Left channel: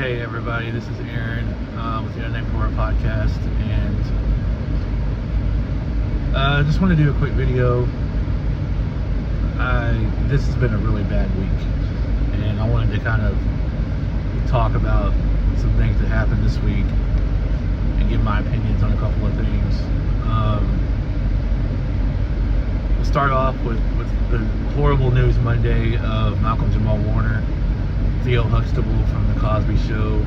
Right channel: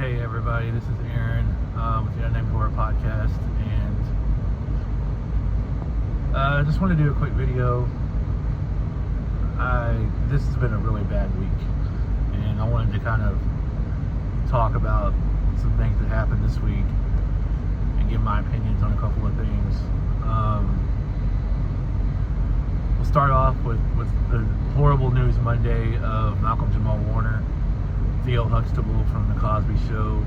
Hey everybody, this is Aaron with the Unnamed Horror Podcast, and I just want to do a quick video. This has been a really bad week, and I wanted to kind of talk about some things that happened this week and give my opinions on a couple of things. We'll start off with the horrible news Monday of Malcolm Jamal Warner, Theo Huxtable from The Cosby Show.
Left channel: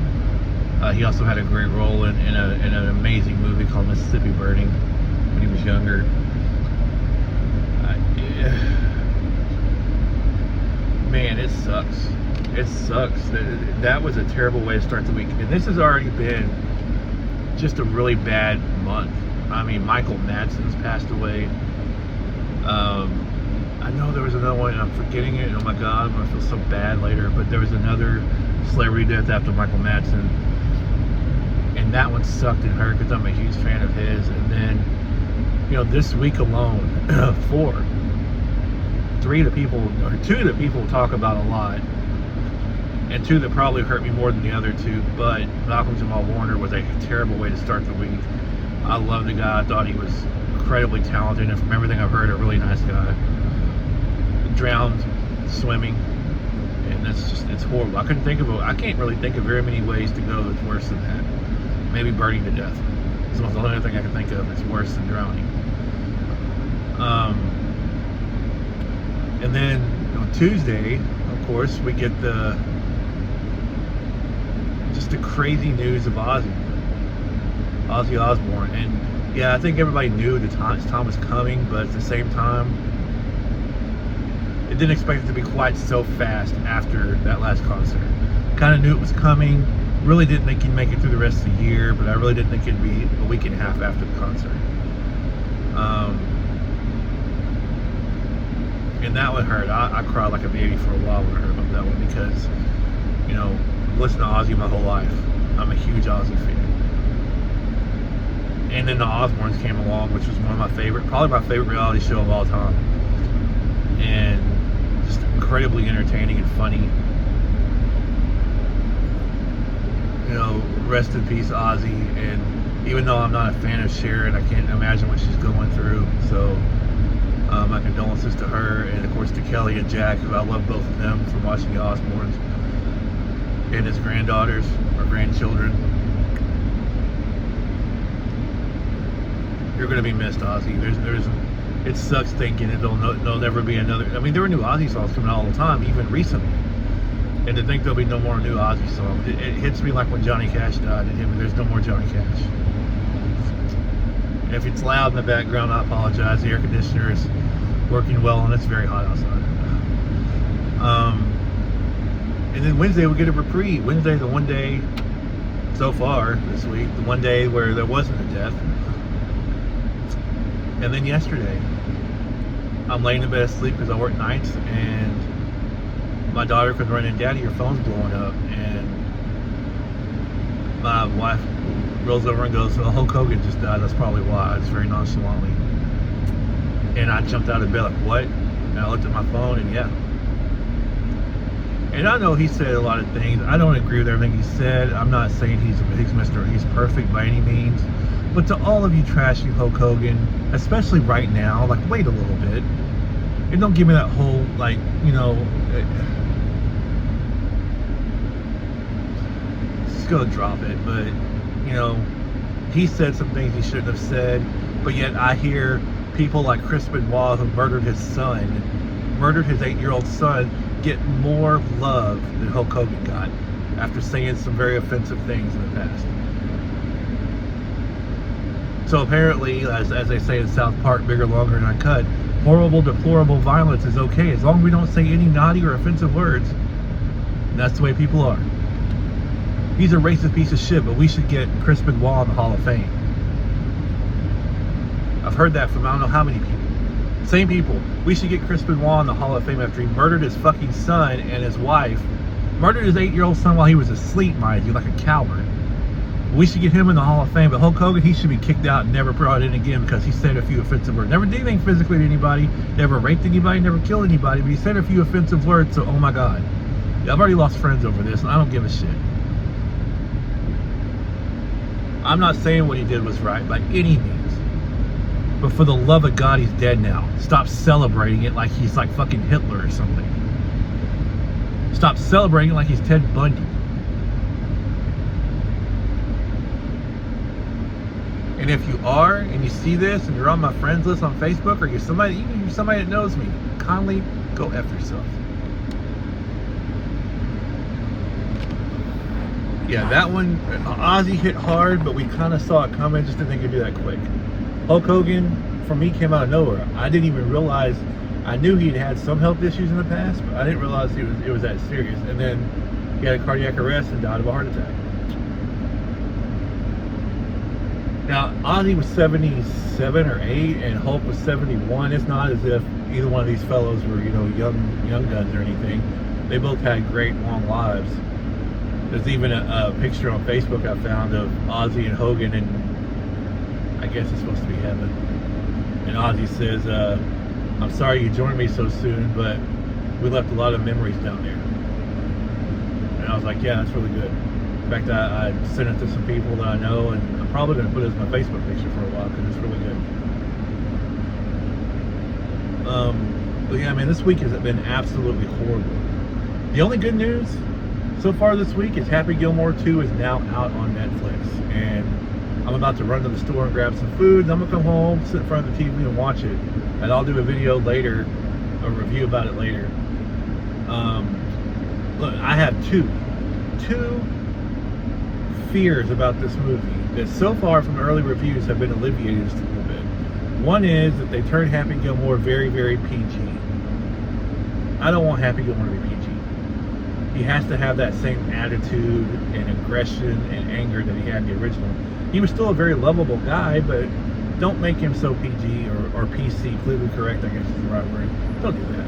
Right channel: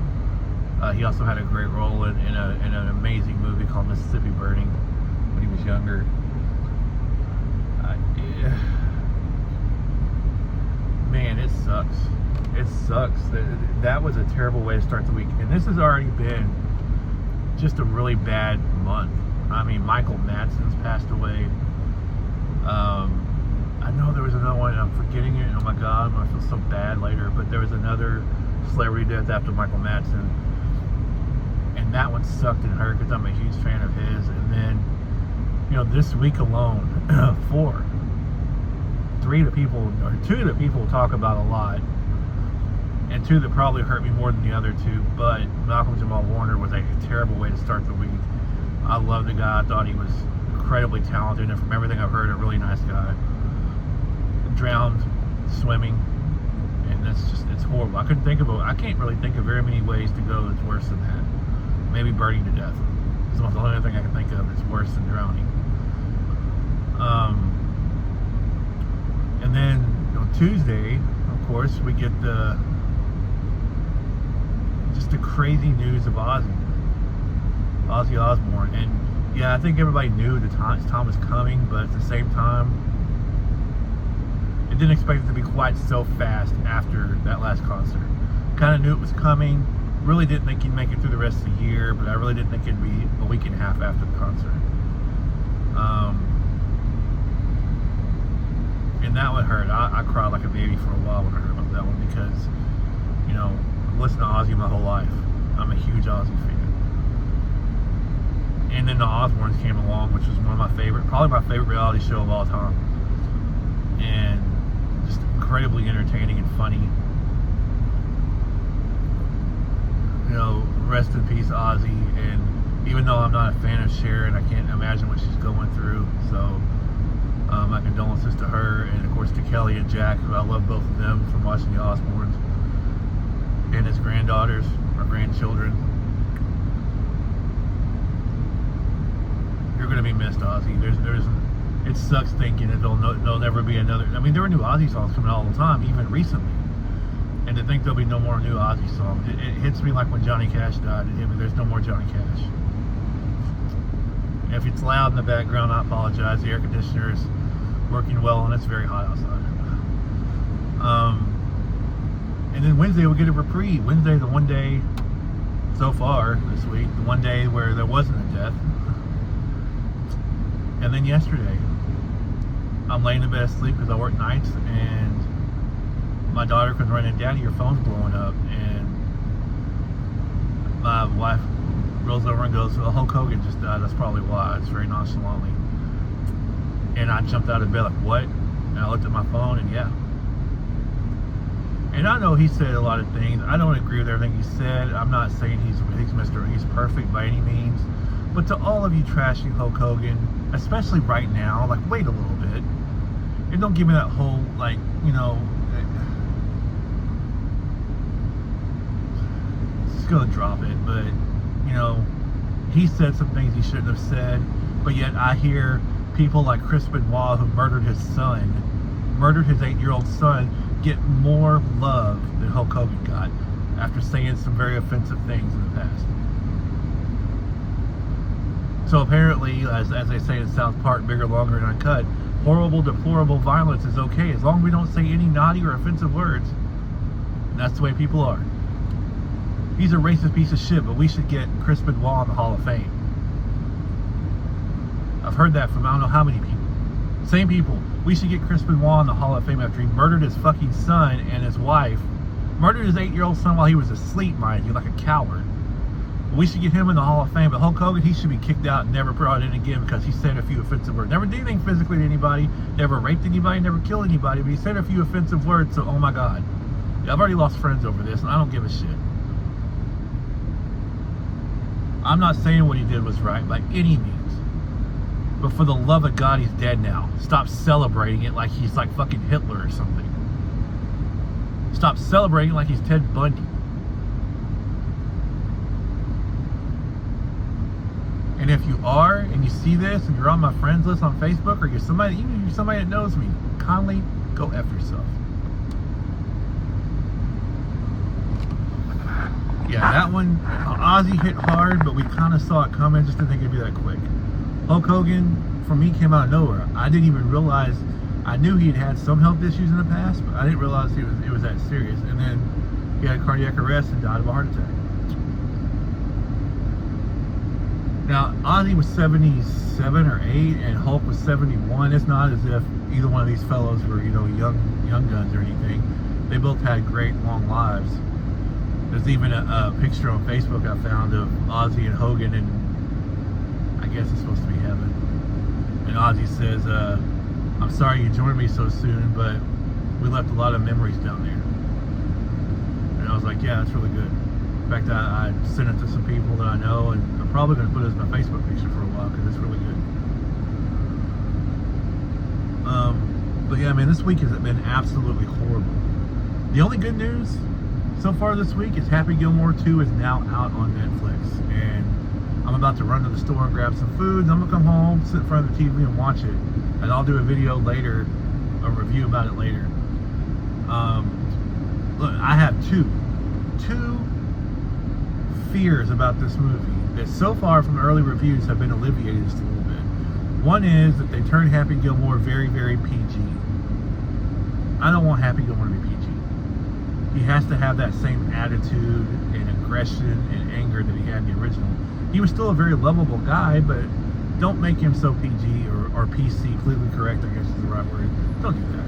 He also had a great role in an amazing movie called Mississippi Burning when he was younger. Man, it sucks. It sucks. That was a terrible way to start the week. And this has already been just a really bad month. I mean, Michael Madsen's passed away. I know there was another one, and I'm forgetting it. Oh my God, I'm going to feel so bad later. But there was another celebrity death after Michael Madsen. And that one sucked and hurt because I'm a huge fan of his. And then, you know, this week alone, two of the people talk about a lot. And two that probably hurt me more than the other two. But Malcolm Jamal Warner was a terrible way to start the week. I love the guy. I thought he was incredibly talented, and from everything I've heard, a really nice guy. Drowned swimming, and it's horrible. I can't really think of very many ways to go that's worse than that. Maybe burning to death. It's the only thing I can think of that's worse than drowning. And then on Tuesday, of course, we get the crazy news of Ozzy Osbourne. And yeah, I think everybody knew his time was coming, but at the same time, it didn't expect it to be quite so fast after that last concert. Kind of knew it was coming. Really didn't think he'd make it through the rest of the year, but I really didn't think it'd be a week and a half after the concert. And that one hurt. I cried like a baby for a while when I heard about that one because, you know, I've listened to Ozzy my whole life. I'm a huge Ozzy fan. And then the Osbournes came along, which was probably my favorite reality show of all time. And just incredibly entertaining and funny. You know, rest in peace, Ozzy. And even though I'm not a fan of Sharon, I can't imagine what she's going through. So, my condolences to her, and of course to Kelly and Jack, who I love both of them from watching the Osbournes, and his granddaughters or grandchildren. You're going to be missed, Ozzy. It sucks thinking that there'll never be another. I mean, there were new Ozzy songs coming out all the time, even recently. And to think there'll be no more new Ozzy songs, it hits me like when Johnny Cash died, and there's no more Johnny Cash. If it's loud in the background, I apologize. The air conditioner is working well, and it's very hot outside. And then Wednesday we get a reprieve. Wednesday's the one day so far this week, the one day where there wasn't a death. And then yesterday, I'm laying in bed asleep because I work nights, and my daughter comes running in, "Daddy, your phone's blowing up." And my wife rolls over and goes, "Oh, Hulk Hogan just died. That's probably why." It's very nonchalantly. And I jumped out of bed like, "What?" And I looked at my phone, and yeah. And I know he said a lot of things. I don't agree with everything he said. I'm not saying he's perfect by any means. But to all of you trashing Hulk Hogan, especially right now, like, wait a little bit. And don't give me that whole, like, you know, just gonna drop it. But, you know, he said some things he shouldn't have said. But yet I hear people like Chris Benoit, who murdered his 8-year-old son, get more love than Hulk Hogan got after saying some very offensive things in the past. So apparently, as they say in South Park, bigger, longer, and uncut, horrible, deplorable violence is okay as long as we don't say any naughty or offensive words. And that's the way people are. He's a racist piece of shit, but we should get Chris Benoit in the Hall of Fame. I've heard that from I don't know how many people. Same people. We should get Chris Benoit in the Hall of Fame after he murdered his fucking son and his wife. Murdered his 8-year-old son while he was asleep, mind you, like a coward. We should get him in the Hall of Fame, but Hulk Hogan, he should be kicked out and never brought in again because he said a few offensive words. Never did anything physically to anybody, never raped anybody, never killed anybody, but he said a few offensive words, so oh my God. I've already lost friends over this, and I don't give a shit. I'm not saying what he did was right by any means. But for the love of God, he's dead now. Stop celebrating it like he's like fucking Hitler or something. Stop celebrating it like he's Ted Bundy. And if you are, and you see this, and you're on my friends list on Facebook, or you're somebody, even if you're somebody that knows me, kindly go F yourself. Yeah, that one, Ozzy hit hard, but we kind of saw it coming, just didn't think it'd be that quick. Hulk Hogan, for me, came out of nowhere. I didn't even realize, I knew he'd had some health issues in the past, but I didn't realize it was that serious. And then he had a cardiac arrest and died of a heart attack. Now, Ozzy was 77 or 8, and Hulk was 71. It's not as if either one of these fellows were, young guns or anything. They both had great long lives. There's even a picture on Facebook I found of Ozzy and Hogan, and I guess it's supposed to be heaven. And Ozzy says, I'm sorry you joined me so soon, but we left a lot of memories down there. And I was like, yeah, that's really good. In fact, I sent it to some people that I know, and I'm probably going to put it as my Facebook picture for a while because it's really good. But yeah, man, this week has been absolutely horrible. The only good news so far this week is Happy Gilmore 2 is now out on Netflix. And I'm about to run to the store and grab some food. I'm going to come home, sit in front of the TV and watch it. And I'll do a video later, a review about it later. Look, I have two fears about this movie that so far from early reviews have been alleviated just a little bit. One is that they turned Happy Gilmore very, very PG. I don't want Happy Gilmore to be PG. He has to have that same attitude and aggression and anger that he had in the original. He was still a very lovable guy, but don't make him so PG or PC, politically correct, I guess is the right word. Don't do that.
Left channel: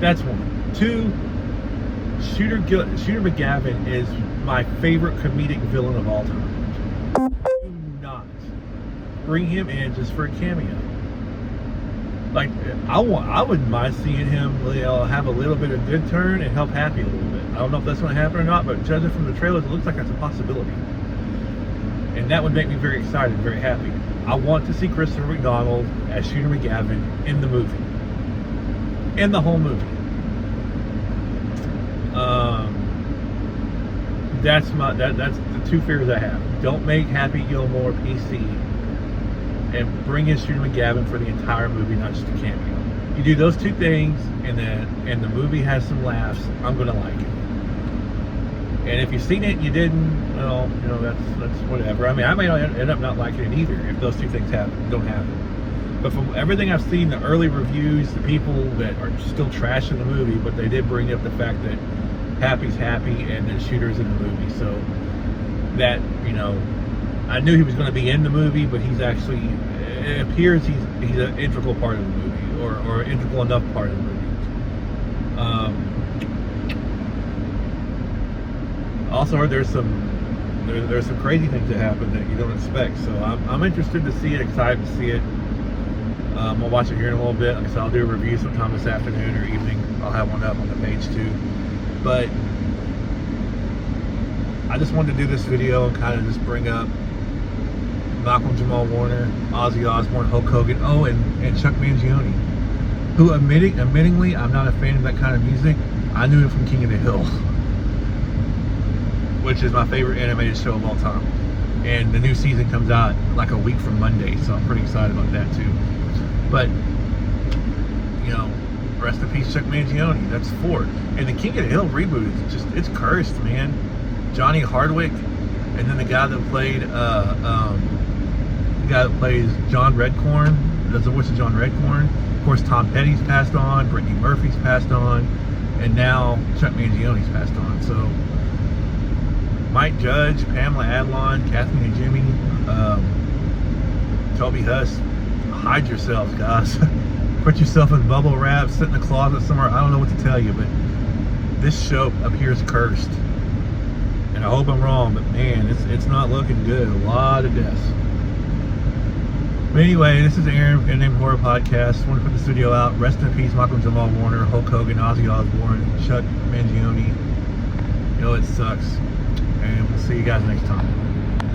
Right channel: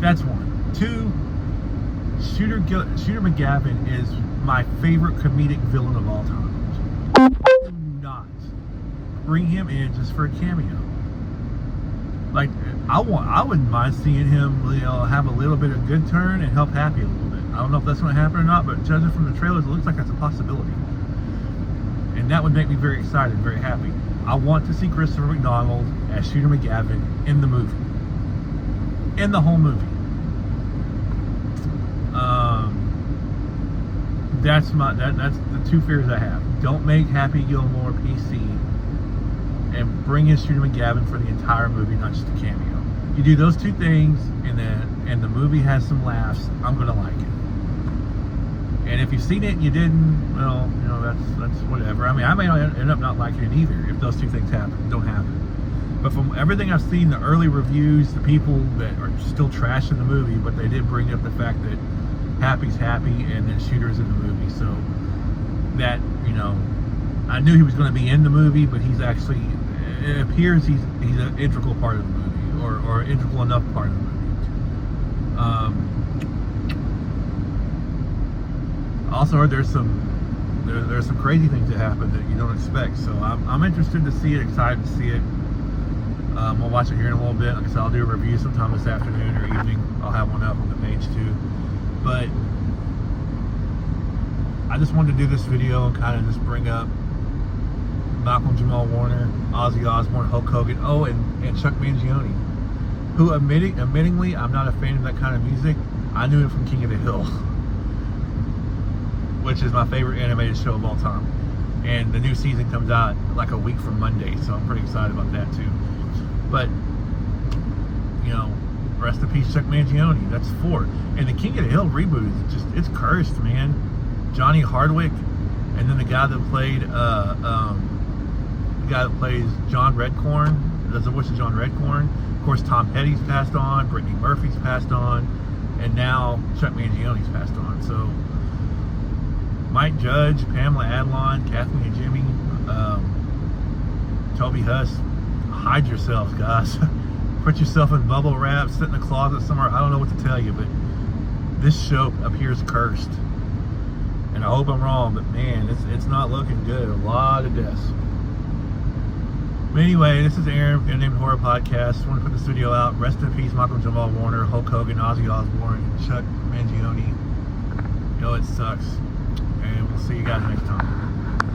That's one. Two, Shooter McGavin is my favorite comedic villain of all time. Do not bring him in just for a cameo. Like, I wouldn't mind seeing him have a little bit of good turn and help Happy a little bit. I don't know if that's going to happen or not, but judging from the trailers, it looks like that's a possibility. And that would make me very excited, very happy. I want to see Christopher McDonald as Shooter McGavin in the movie. In the whole movie. That's the two fears I have. Don't make Happy Gilmore PC and bring in Shooter McGavin for the entire movie, not just a cameo. You do those two things, and the movie has some laughs, I'm gonna like it. And if you've seen it and you didn't, well, that's whatever. I mean, I may end up not liking it either if those two things don't happen. But from everything I've seen, the early reviews, the people that are still trashing the movie, but they did bring up the fact that Happy's happy and that Shooter's in the movie. So that, I knew he was going to be in the movie, but he's actually, it appears he's an integral part of the movie, or an integral enough part of the movie. Also heard there's some crazy things that happen that you don't expect. So I'm interested to see it, excited to see it. We'll watch it here in a little bit. Like I said, I'll do a review sometime this afternoon or evening. I'll have one up on the page too. But I just wanted to do this video and kind of just bring up Malcolm Jamal Warner, Ozzy Osbourne, Hulk Hogan, and Chuck Mangione, who admittingly, I'm not a fan of that kind of music. I knew him from King of the Hill, which is my favorite animated show of all time. And the new season comes out like a week from Monday, so I'm pretty excited about that too. But, rest in peace, Chuck Mangione. That's 4. And the King of the Hill reboot is it's cursed, man. Johnny Hardwick, and then the guy that plays John Redcorn, does the voice of John Redcorn. Of course, Tom Petty's passed on, Brittany Murphy's passed on, and now Chuck Mangione's passed on. So Mike Judge, Pamela Adlon, Kathleen and Jimmy, Toby Huss, hide yourselves, guys. Put yourself in bubble wrap, sit in the closet somewhere. I don't know what to tell you, but this show appears cursed. And I hope I'm wrong, but man, it's not looking good. A lot of deaths. But anyway, this is Aaron, Unnamed Horror Podcast. I want to put this video out. Rest in peace, Malcolm Jamal Warner, Hulk Hogan, Ozzy Osbourne, Chuck Mangione. It sucks. And we'll see you guys next time.